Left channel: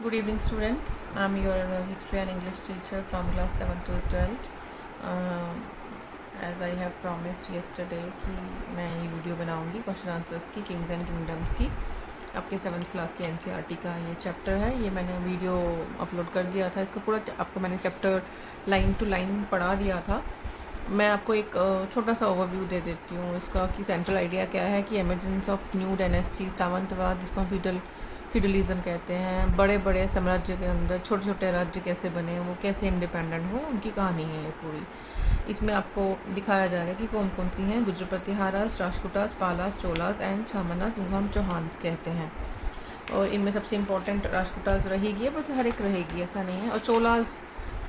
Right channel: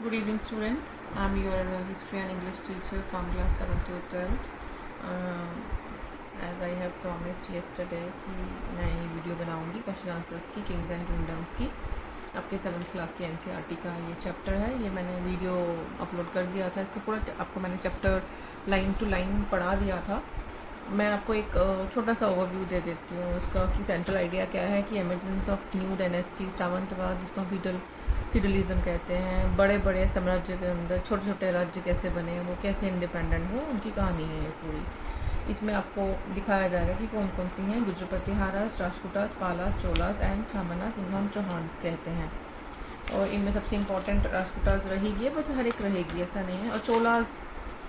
Good evening, students. I'm your history and English teacher from class 7 to 12th. As I have promised yesterday कि मैं ये video बनाऊंगी question answers की Kings and kingdoms की आपके 7th class के NCERT का ये चैप्टर है। ये मैंने वीडियो अपलोड कर दिया था, इसका पूरा आपको मैंने चैप्टर लाइन टू लाइन पढ़ा दिया था। मैं आपको एक छोटा सा ओवरव्यू दे देती हूँ इसका कि सेंट्रल आइडिया क्या है कि एमरजेंस ऑफ न्यू डायनेस्टी सावंतवाद, जिसको हम फ्यूडलिज्म कहते हैं। बड़े बड़े साम्राज्य के अंदर छोटे छोटे राज्य कैसे बने, वो कैसे इंडिपेंडेंट हुए, उनकी कहानी है ये पूरी। इसमें आपको दिखाया जाएगा कि कौन कौन सी हैं: गुजर प्रतिहारास, राष्ट्रकूटास, पालास, चोलास एंड छामनास, जिनको हम चौहान्स कहते हैं। और इनमें सबसे इम्पोर्टेंट राष्ट्रकूटास रहेगी है, बस हर एक रहेगी ऐसा नहीं है। और चोलास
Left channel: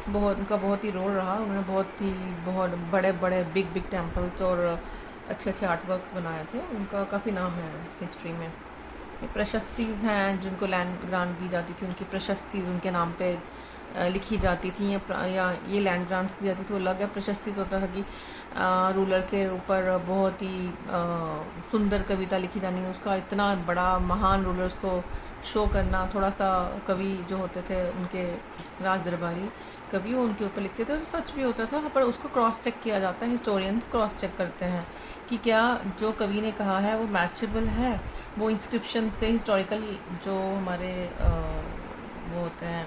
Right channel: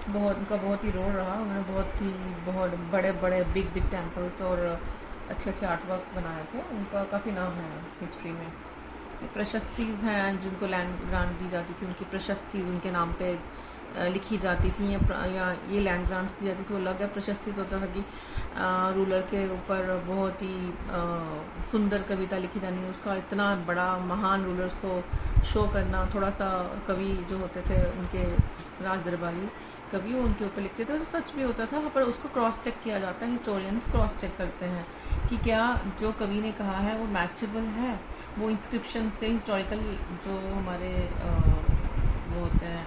उनका बहुत ही रोल रहा। उन्होंने बहुत बड़े बड़े बिग बिग टेम्पल्स और अच्छे अच्छे आर्ट वर्क्स बनाए थे। उनका काफ़ी नाम है हिस्ट्री में। प्रशस्तिज हैं, जिनको लैंड ग्रांट दी जाती थी, उनकी प्रशस्ति उनके नाम पे लिखी जाती थी, या ये लैंड ग्रांट्स दी जाती थी। वो अलग है। प्रशस्ति होता था कि रूलर के ऊपर बहुत ही सुंदर कविता लिखी जानी, उसका इतना बड़ा महान रूलर्स को शो करना। थोड़ा सा कवि जो होते थे उनके राज दरबारी कवि उनके ऊपर लिखते थे, तो सच भी होता था, पर उसको क्रॉस चेक किया जाता है। हिस्टोरियंस क्रॉस चेक करते हैं कि क्या जो कवि ने कहा है वो मैचेबल है। वो इंस्क्रिप्शन से हिस्टोरिकल जो हमारे वो होते हैं,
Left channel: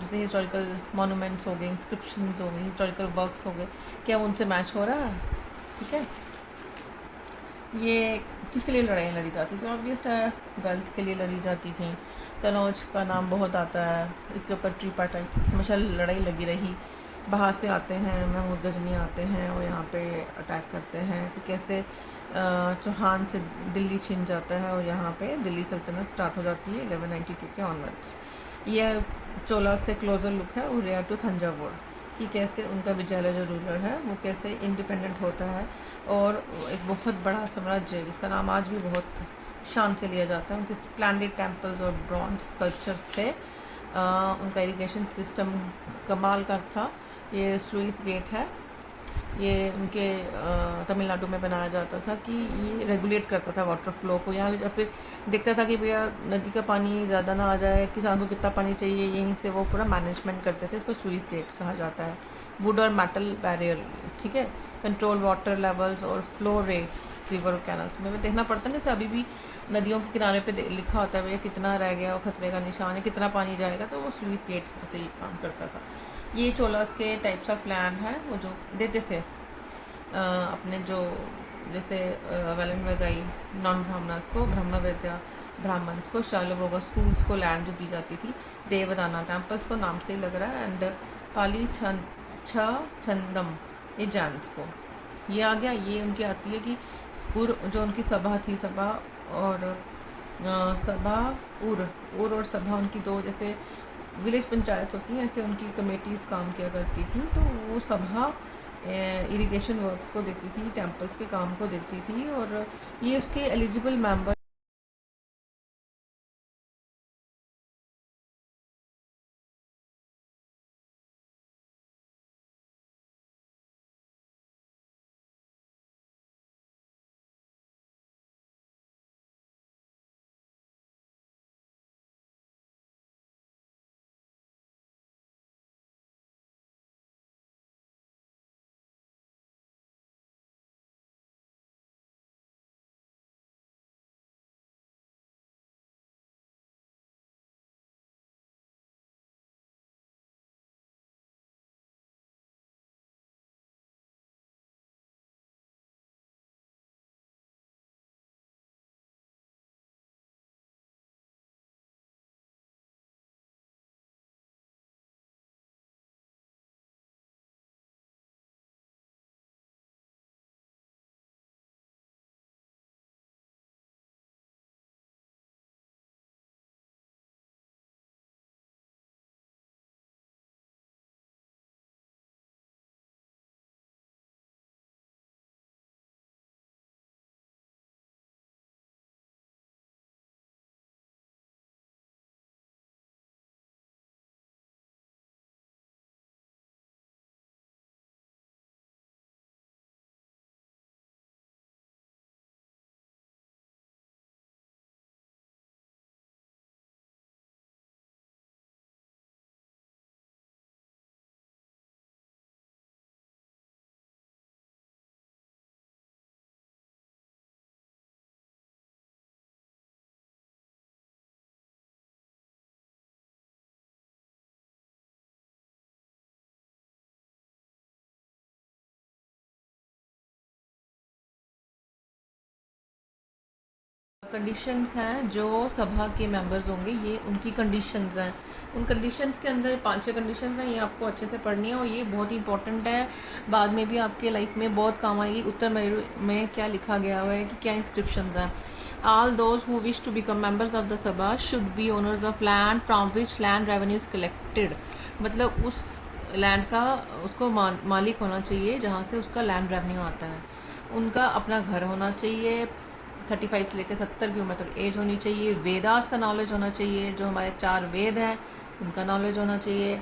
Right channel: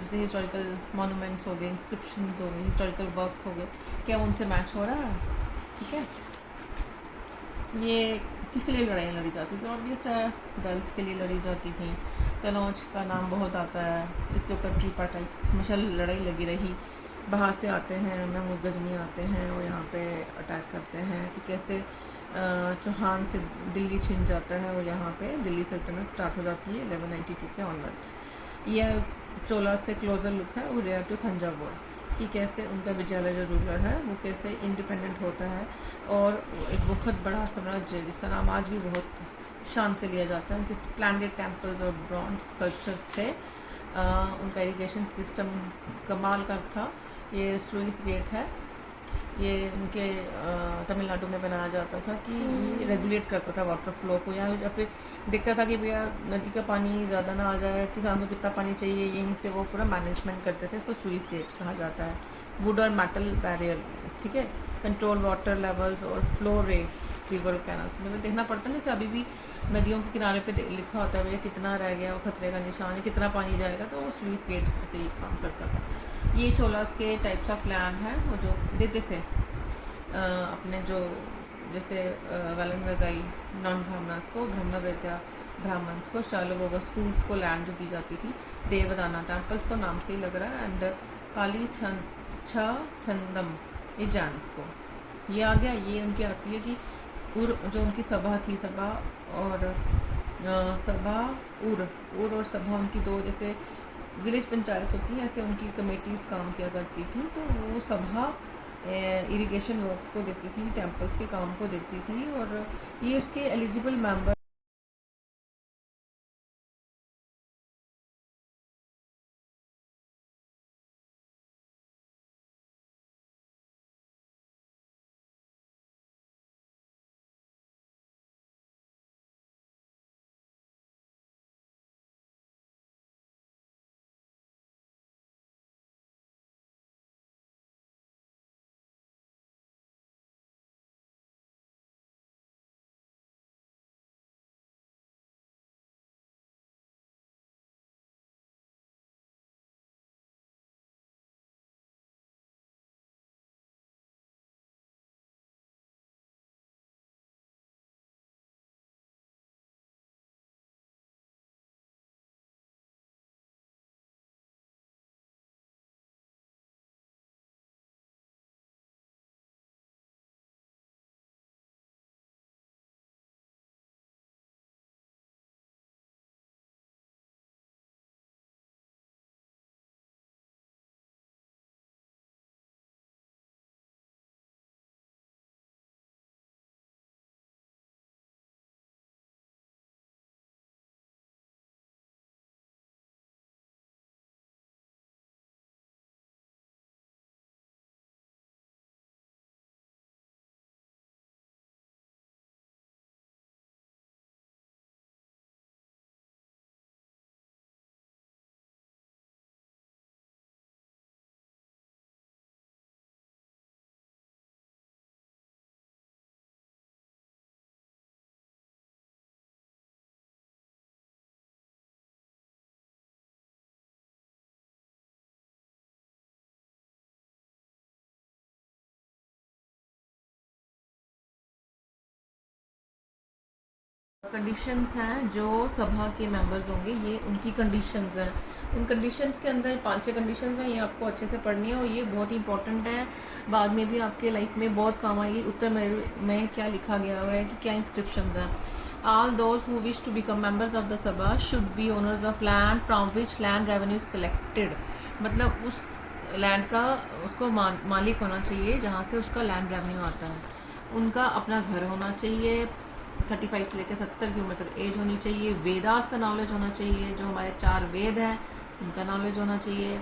जैसे हिस्टोरिकल मोनूमेंट्स हो गए, इंस्क्रिप्शंस हो गए, हिस्टोरिकल वर्क्स हो गए, क्या वो उनसे मैच हो रहा है? ठीक है। ये किसके लिए लड़ाई लड़ी जाती थी? ऑब्वियस है, वेल्थ के लिए लड़ी जाती थी। कनौज का नाम बहुत आता है, इसके ऊपर ट्रीपार्टाइट्स मुशल लड़ाई लगी रही। बाहर से आते हैं, महमूद गजनी आते हैं और यहाँ पे अटैक करते हैं। तो कैसे चौहान से दिल्ली छिन जाता है और यहाँ पे दिल्ली सल्तनत स्टार्ट हो जाती है 1192 के ऑनवर्ड्स। यह चोलास का क्लोजर लुक है उदय टू थंजावुर, कि कैसे उनका विजयलय जो रूलर है वो कैसे इंडिपेंडेंट होता है। और एक बहुत बड़ा साम्राज्य जिसका नाम आज भी बहुत शान से लिया जाता है। उनके स्प्लेंडेड टेम्पल्स और ब्रॉन्ज स्कल्पचर्स थे। उनका इरिगेशन सिस्टम कमाल का था। ये स्लुइस गेट है, ये उनके तमिलनाडु में बनाया जाता था कि ये रेगुलेट करता था वाटर फ्लो को। या फिर देखता था कि भैया नदी का पानी ज़्यादा ना आ जाए, किसान को कितना पानी चाहिए, यहीं से वो पूरा मैनेजमेंट करते थे। इसको स्लुइस गेट कहा जाता है। वुड और मेटल बैरियर, ठीक है। कंट्रोल वाटर लेवल्स और फ्लो रेट्स रिवर कैनल्स में देखना पड़ता है। जैसे अभी भी नदियों के किनारे पे लिखा होता है भैया कितना रह गया और खतरे का निशान है, कितना पानी जाएगा, तो वो स्लुइस गेट से ही काम करता था। ये चोलास के टाइप्स ऑफ लैंड है वो जो देते थे अपने जो, जैसे वेलन वगाई नॉन ब्राह्मणस को, ब्रह्म विद्या ब्राह्मण्स को, शालोबोगा स्कूल्स को लैंड जो दी जाती थी। देवदाना टेम्पल्स को नाम से ही लग रहा है। एंड पाली छंदम ये जैन्स को। ये आ गया। ये उनकी आती है कि जो उनकी सभा थी, सभा और सभा उर और सभा, उनकी दो जैसे विलेज पंचायत होती है, ऐसे उनकी कमेटीज़ काम किया करती थी। तो वो सभा इरिगेशन वर्क्स को देखती थी, टेम्पल्स के काम को देखती थी, और ये उसके एलिजिबल मेंबर कंडीशंस हैं जो सभा के मेंबर्स होंगे, ये उनकी कंडीशंस हैं। उन कंडीशंस के अंदर 5-6 कंडीशंस हैं, ये आपको अच्छे से पढ़नी है और ये बहुत ही इंपॉर्टेंट है, बाद में भी आपके लाइफ में बहुत काम आएगी। उत्तर में क्या लिखा गया हुआ है कि क्या इंस्क्रिप्शंस हैं। All those who wish to become members of the sabha should be owners of land from which land revenue is collected. मतलब उस लैंड का उसको मालिक होना चाहिए जहाँ से उसका लैंड रेवेन्यू आता है। उनका अपना घर होना चाहिए, 35 से लेकर 70 की उम्र तक एज होनी चाहिए। वेदास का नॉलेज होना चाहिए, जो हमारे 4 वेद हैं उनका नॉलेज होना चाहिए।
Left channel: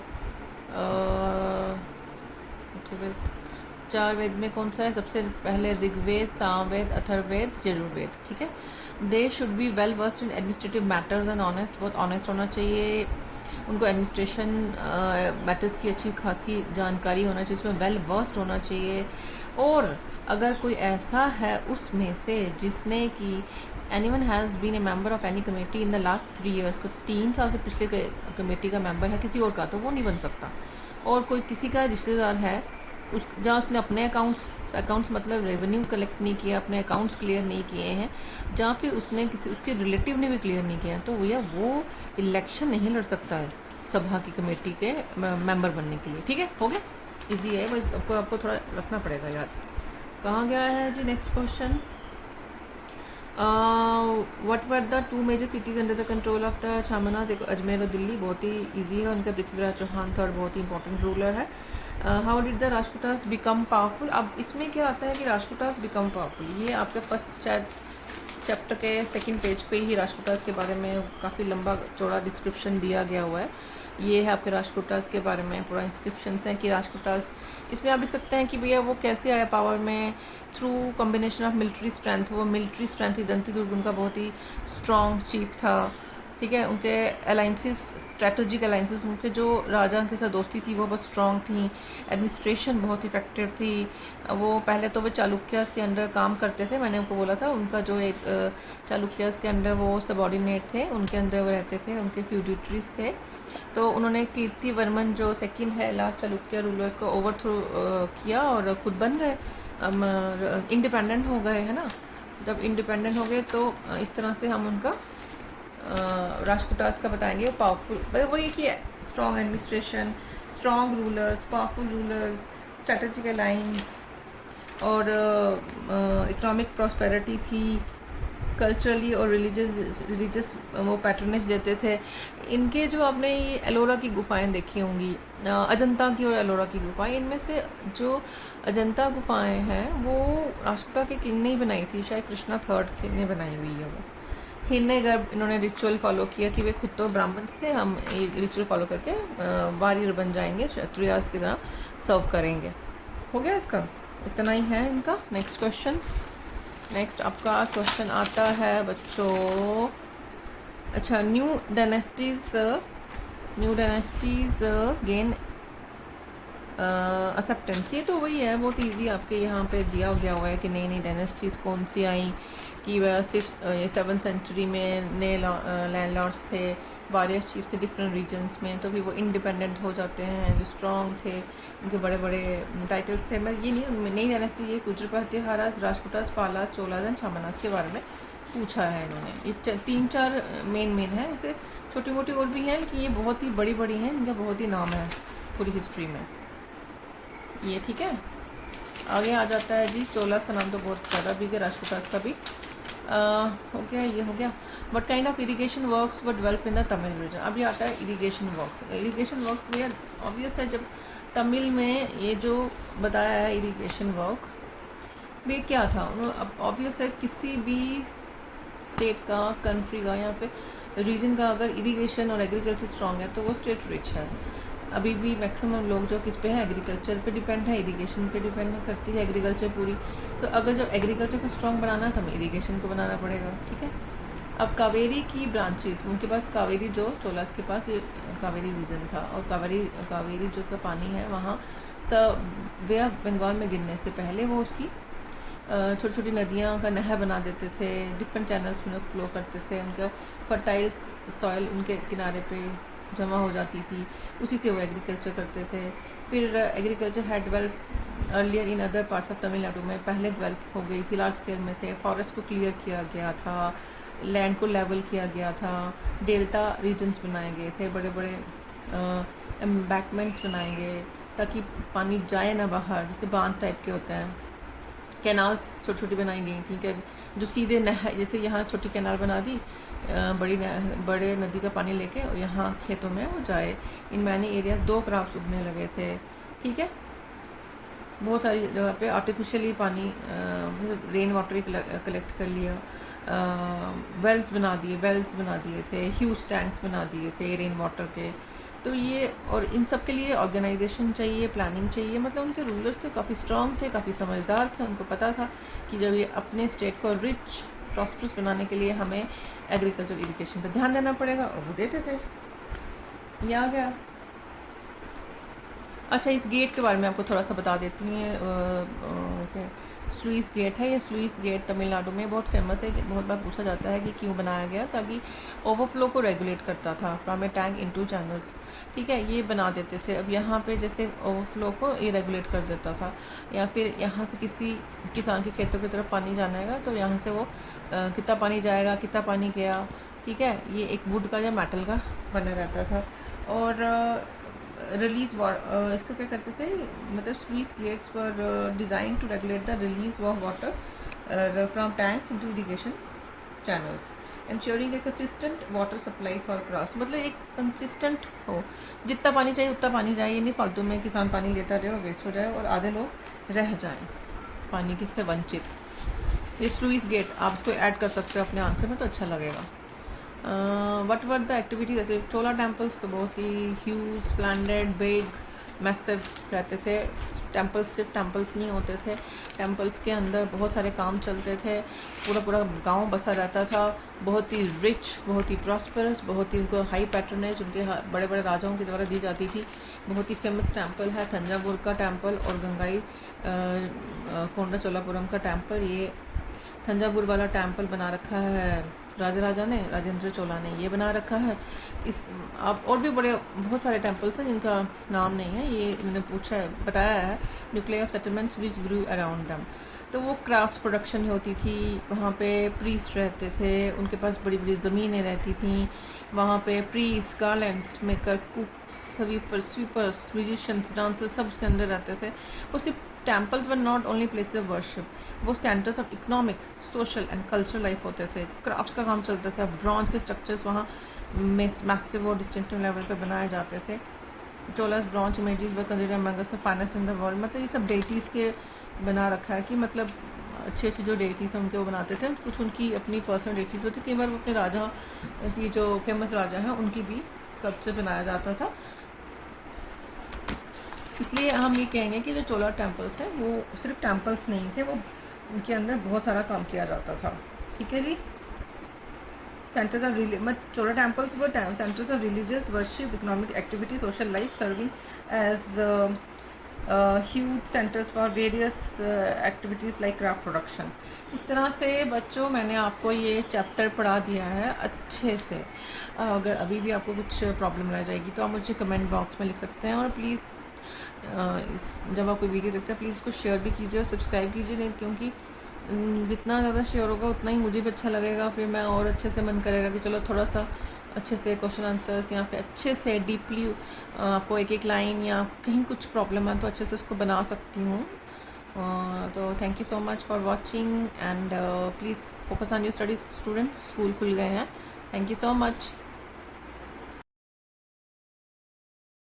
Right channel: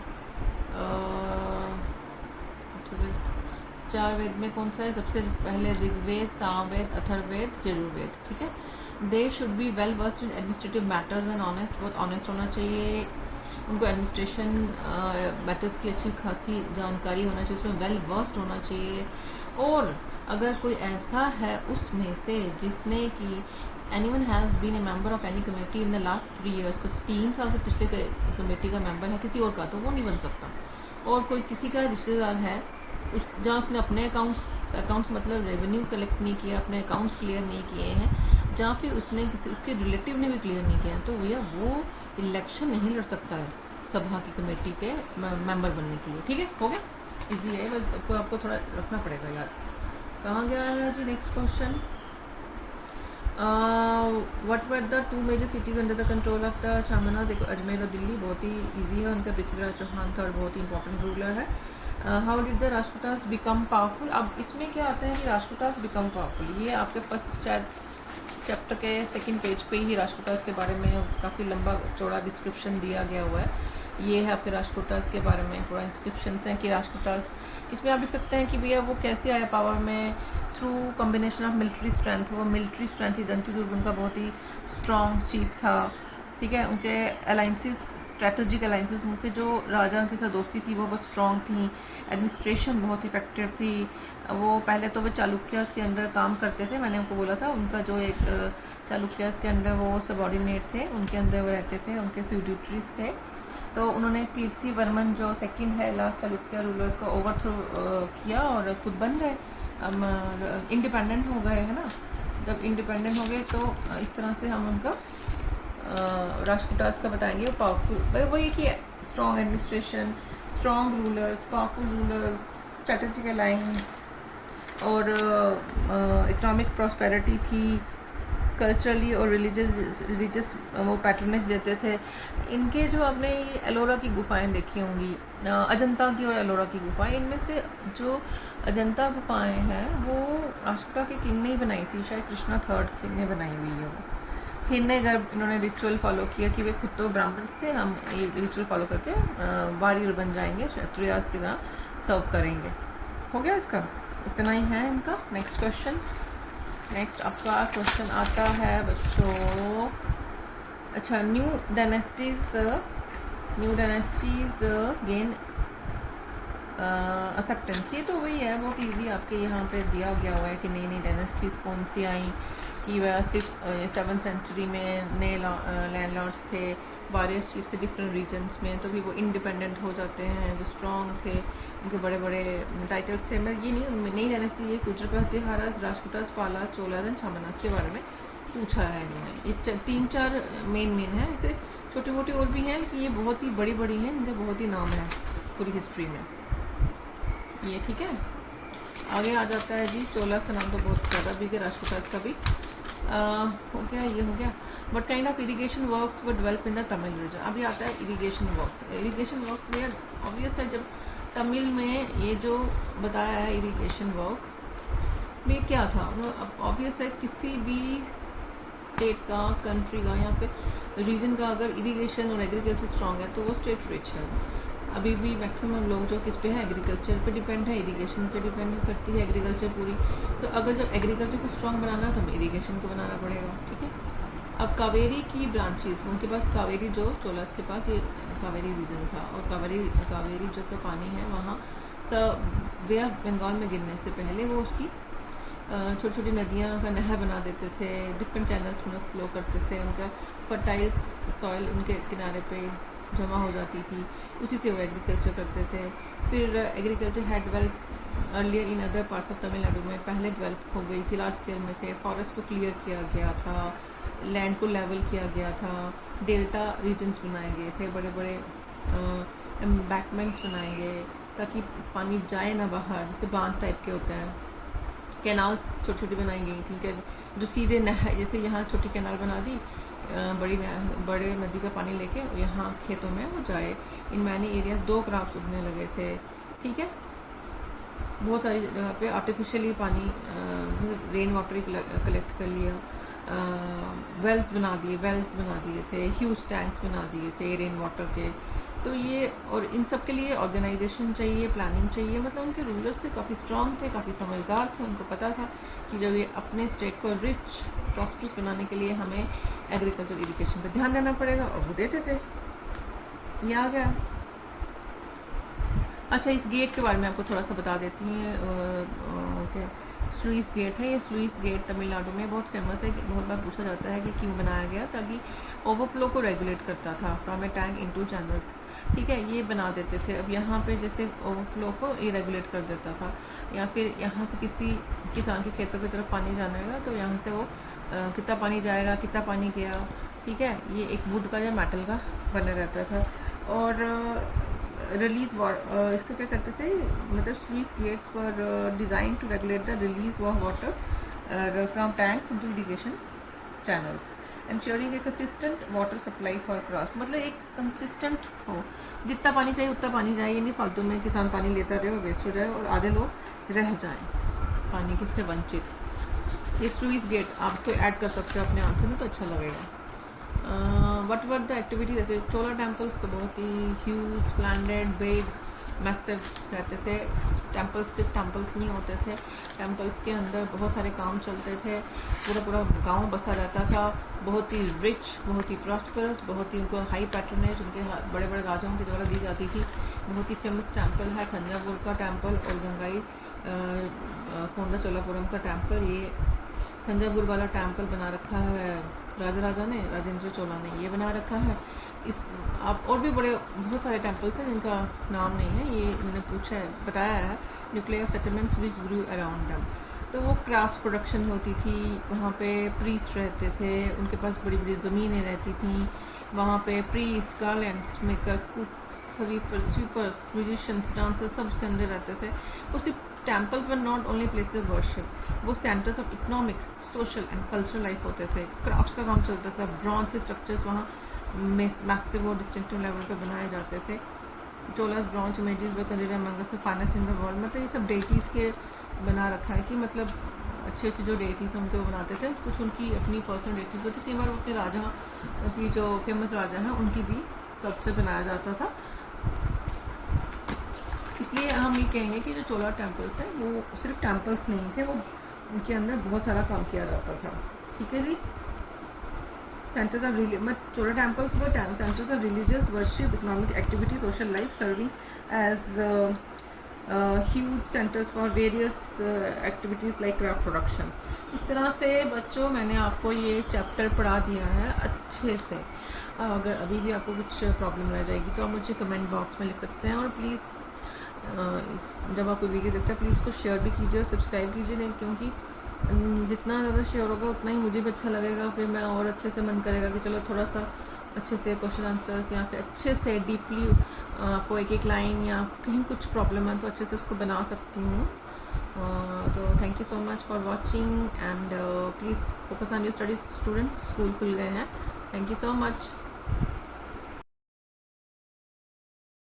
4 वेद में कौन सा है? सबसे पहले ऋग्वेद, सामवेद, अथर्ववेद, यजुर्वेद। ठीक है। They should be well versed in administrative matters and honest, बहुत ऑनेस्ट होना चाहिए। उनको एडमिनिस्ट्रेशन मैटर्स की अच्छी खासी जानकारी होना चाहिए, उसमें वेल वर्स्ड होना चाहिए। और अगर कोई ऐसा है उसमें से जिसने कि anyone has been a member of any committee in the last 3 years, को 3 साल से पिछले कमेटी का मेंबर है किसी और का, तो वो नहीं बन सकता। और कोई किसी का रिश्तेदार है उस जहाँ उसने अपने अकाउंट्स मतलब रेवेन्यू कलेक्ट नहीं किया, अपने अकाउंट्स क्लियर नहीं किए हैं, जहाँ फिर उसने किसी उसके रिलेटिव ने भी क्लियर नहीं किया, तो भैया वो इलेक्शन नहीं लड़ सकता है सभा की कमेटी के मेंबर बनने के लिए। ठीक है, हो गया, इजी है, बस आपको थोड़ा रखना पड़ेगा याद। कहाँ गया है जी next question. What were the 2 major cities under the control of the Chahamanas? एक अजमेर और दिल्ली, बहुत ही इजी है। उनका पृथ्वीराज चौहान था और बहुत ही इंपॉर्टेंट रूलर है। How did the Rajputas become powerful? अब इसमें क्या आता है कि राजपूतास बिकम पावरफुल, ये आपके फर्स्ट शायद चैप्टर के 2nd पेज पे ही राजपूतास के बारे में काफ़ी लंबा चौड़ा डिस्क्रिप्शन दिया गया हुआ है। ये है आपके राजपूतास के बारे में पूरा इंस्क्रिप्शन है कि राजपूतास, इसमें आप देख सकते हैं कि भैया वो कैसे आया पावर में, through combination of military strength. वो मिलिट्री स्ट्रेंथ थी, दंती दुर्ग उनका बहुत ही स्ट्रॉन्ग चीफ था। ठीक है, उनके अलाइंसेस, स्ट्रेटजिक अलाइंसेस, उनके जो राजा के साथ दोस्ती थी वो बहुत स्ट्रॉन्ग थी। एडमिनिस्ट्रेशन बहुत इफेक्टिव थी। वो पहले तो वो चालुक्यास के अंडर काम करते थे, मैंने उनको बोला था, उनका जो एक चालुक्यास के अंडर वो सबॉर्डिनेट थे, उनके अंदर वो रहते थे, उनके फ्यूडिटरीज थे। तो उन्होंने कीर्ति वर्मन जो 2nd है लास्ट चालुक्य रूलर्स को ओवरथ्रो किया और खुद बन गए, इंडिपेंडेंट हो गए, है ना। जब इंडिपेंडेंट हो गए तो इस तरह से हम उनको राजपूतास का बताएंगे। पावरफुल वही कि strong administration, strong rulers, powerful rulers, strategic alliance और इकोनॉमिक प्रॉस्पेरिटी थी। कल्चरली और रिलीजियस वो पैटर्नेज देते थे। इनके जो आपने ये एलोरा की गुफाएं देखी होंगी, अजंता की और एलोरा की गुफाएं, इनमें से जो अजंता गुफाएं हैं वो राष्ट्रकूटा के किंग ने ही बनाई थी, शायद कृष्णा 3rd ने बनाई हुई है वो। हिन्ने गर्भ इन्होंने रिचुअल फॉलो किया कि वे खुद तो ब्राह्मण थे, हम ये रिचुअल फॉलो करके वारियर बन जाएंगे, क्षत्रियास की तरह सर्व करेंगे। हो गया, इसका इतना ही है इनका। Next question. नेक्स्ट आपका क्वेश्चन आता है बच्चों, अच्छा, न्यू डायनेस्टीज गेन एक्सेप्टेंस। ये तो वही है, बहुत इजी आपके यहाँ पे दिया गया हुआ है कि नई नई डायनेस्टीज़ कौन सी आई, कि वह 7th सेंचुरी में नए लैंडलॉर्ड्स थे, वारियर्स चीफ थे डिफरेंट रीजन्स में, तो भी वो इंडिपेंडेंट हो जाते हैं, जो स्ट्रॉन्ग थे, उनके बड़े बड़े टाइटल्स थे। मैं ये नहीं, नई डायनेस्टी ये कुजरपति, हारास, राजपूतास, पालास, चोलास एंड छामनास के बारे में पूछा है इन्होंने। ये 3-4 मेन है, ऐसे छोटी मोटी और भी हैं, लेकिन ये बहुत ही बड़ी बड़ी हैं, इनका बहुत ही नाम है पूरी हिस्ट्री में ये। ठीक है, आगे आ जाता है जी, चोलास का नाम तो बहुत ज़्यादा भी है, राजपूतास का भी हो गया, ये हो गया। But kind of irrigation works were develop in the Tamil region. अभी आता है इरीगेशन वर्क्स। इरीगेशन वर्क्स भैया ऑब्वियस है, जब तमिल में ये जो बताया है इरीगेशन वर्क ये क्या था, वो ऑब्वियस है किसी भी स्टेट का, कंट्री का या फिर रीजन का अगर इरीगेशन और एग्रीकल्चर स्ट्रॉन्ग है तो वो स्टेट रिच है। अभी भी मैक्सिमम लोग जो किस पे है, एग्रीकल्चर पे डिपेंड है, इरीगेशन पे डिपेंड करती है एग्रीकल्चर पूरी। तो अगर जब एग्रीकल्चर को स्ट्रॉन्ग बनाना है तो हमें इरीगेशन को बनाना पड़ेगा। ठीक है, अब कावेरी की ब्रांचेस, उनके पास कावेरी, जो चोलास के पास ये कावेरी रीजन था, और कावेरी जो का पानी है वहाँ सब वे बंगाल में गिरने से पहले वो उसकी छोटी छोटी नदियाँ का नहर बना देते थे, डिफरेंट चैनल्स में फ्लो करते थे, उनका फर्टाइल सॉइल उनके किनारे पे जमा हो जाती थी, उसी से वो एग्रीकल्चर करते थे। फिर agriculture had develop earlier in other parts of Tamil Nadu में, पहले डेवलप हो गई थी, लार्ज स्केल में थे, फॉरेस्ट को क्लियर किया गया था, लैंड को लेवल किया गया था, डेल्टा रीजन्स बनाए गए थे, बड़े बड़े एम्बैकमेंट्स बनाए गए ताकि पानी जाए ना बाहर, जैसे बांध टाइप के होते हैं। कैनाल्स छोटी छोटी बनाई गई थी कि जो सीधे नहर, जैसे यहाँ छोटी कैनाल बना दी, बड़े नदी का पानी लेके यहाँ खेतों में वो जाए। इन मैनी एरियाज 2 क्रॉप्स उगने लगे थे, ठीक है। बहुत सारी जगह पे आर्टिफिशियली पानी, रेन वाटर कलेक्ट कर लिया, वेल्स बना दिए थे, ह्यूज टैंक्स बना दिए थे रेन वाटर के। तो ये, और इन सब के लिए ऑर्गेनाइजेशन चाहिए, प्लानिंग चाहिए। मतलब उनके रूलर्स थे, काफ़ी स्ट्रांग थे, काफ़ी समझदार थे। उनको पता था कि जब ये अपने स्टेट को रिच प्रॉस्परस बनाने के लिए हमें एग्रीकल्चर इरिगेशन पर ध्यान देना पड़ेगा, और वो देते थे। ये आ गया। अच्छा, इस गेट के बारे में आपको थोड़ा सा बता देती हूँ। स्लुइस गेट है। ये स्लुइस गेट तमिलनाडु में बहुत फेमस है। बहुत बार पूछा जाता है कि क्यों बनाया गया, ताकि ओवरफ्लो को रेगुलेट करता था from A tank into channels, ठीक है। ये बना देते थे। अब यहाँ पे जैसे ओवरफ्लो को ये रेगुलेट कर देता था, या फिर यहाँ से किसी किसान के खेतों की तरफ पानी जाना है तो यहाँ से वो कितना पानी जाएगा, कितना पानी गया, ठीक है। ये एक वुड का या मेटल का बना रहता था। और रिलीज इसको क्या करते थे, मतलब sluice gates were design to regulate the release of water from tanks into irrigation channels, ensuring a consistent water supply for crops। मतलब एक कंसिस्टेंट हो, जितना पानी चाहिए उतना पानी जाए, ये नहीं फालतू में किसान पानी लेता रहे और वेस्ट हो जाए और आधे लोग रह जाएं पानी से वंचित। ये स्लुइस गेट आप इसको ऐड कर सकते हो अपने आंसर में, तो अच्छा लगेगा। वट वर द एक्टिविटी, जैसे चोला टेम्पल्स बहुत ही ह्यूज, स्प्लेंडेड, बिग, मैसिव रहते थे। टेम्पल्स सिर्फ टेम्पल्स नहीं होते थे, टेम्पल्स के अंदर बहुत सारे काम चलते थे। पूरा पूरा गांव बसा रहता था, बहुत ही रिच, बहुत ही प्रॉस्परस, बहुत ही उनको हाई पैट्रनेज उनके बड़े बड़े राजाओं के द्वारा दी जाती थी। बहुत ही फेमस टेम्पल है थंजावुर का टेम्पल और गंगाई कोंडा चोलापुरम का टेम्पल। ये थंजावुर वाला टेम्पल बना रखा है राजा ने, राजेंद्र चोला ने ये बना रखा है। इस आप और भी बड़े बहुत सारे टेम्पल्स हैं जिनका नाम नहीं है, ये उन्होंने पूछा है, बताया है। Nuclear of settlements which grew around them, तो वो क्राफ्ट्स प्रोडक्शन होती थी वहाँ पे। प्रीस्ट रहते थे, उनके पास बड़ी बड़ी ज़मीनें रहती थी वहाँ पे। Priest, garlands maker, cooks, sweepers, musicians, dancers सब उसके अंदर रहते थे। वो सिर्फ temples were not only places of worship, वो centres of economic, social and cultural life होते थे। क्राफ्ट्स का काम चलता था, ब्रॉन्ज के स्ट्रक्चर्स वहाँ मैसिव और डिस्टिंक्टिव लेवल पे बनाए जाते थे। Cholas bronze images were considered among the finest in the world. मतलब ये सब डेटीज़ के बना रखा है कि मतलब अच्छे अच्छे जो डेटीज़ हैं उनके वो बनाते थे। कुछ उनकी अपनी पर्सनल डेटीज़ होती, कई बार अपने राजा की जो फेमस राजा हैं उनकी भी स्कल्पचर बनाया जाता था। इसलिए हम ये कहेंगे कि जो चोला टेम्पल्स हैं वो सिर्फ टेम्पल्स नहीं थे, वो उनके अंदर बहुत सारा काम किया जाता था, ठीक है जी। Centres of Chola temples were centres of religious worship, economic activity, social life, serving as huge centres for various activities like craft production. इस तरह से बच्चों मैंने आपको ये चैप्टर पढ़ा दिया है अच्छे से। अगर अभी भी आपको कुछ प्रॉब्लम रह जाएगी तो आप मुझे कमेंट बॉक्स में लिख सकते हैं। और प्लीज़ जब आप कोई वीडियो देखते हैं प्लीज़ उसको शेयर भी कीजिए और सब्सक्राइब कीजिए, क्योंकि जितना ज़्यादा शेयर होगा उतना ही मुझे भी अच्छा लगेगा। फिर मैं और अच्छे से मन करेगा कि चलो थोड़ा सा अच्छे से क्वेश्चन आंसर्स या फिर अच्छे से डीपली आपको एक एक लाइन या कहीं कुछ प्रॉब्लम है तो अच्छे से उसको बना सकती हूँ। तो thank you so much for watching and please focus on your studies students. School खुल गए हैं। Thank you so much.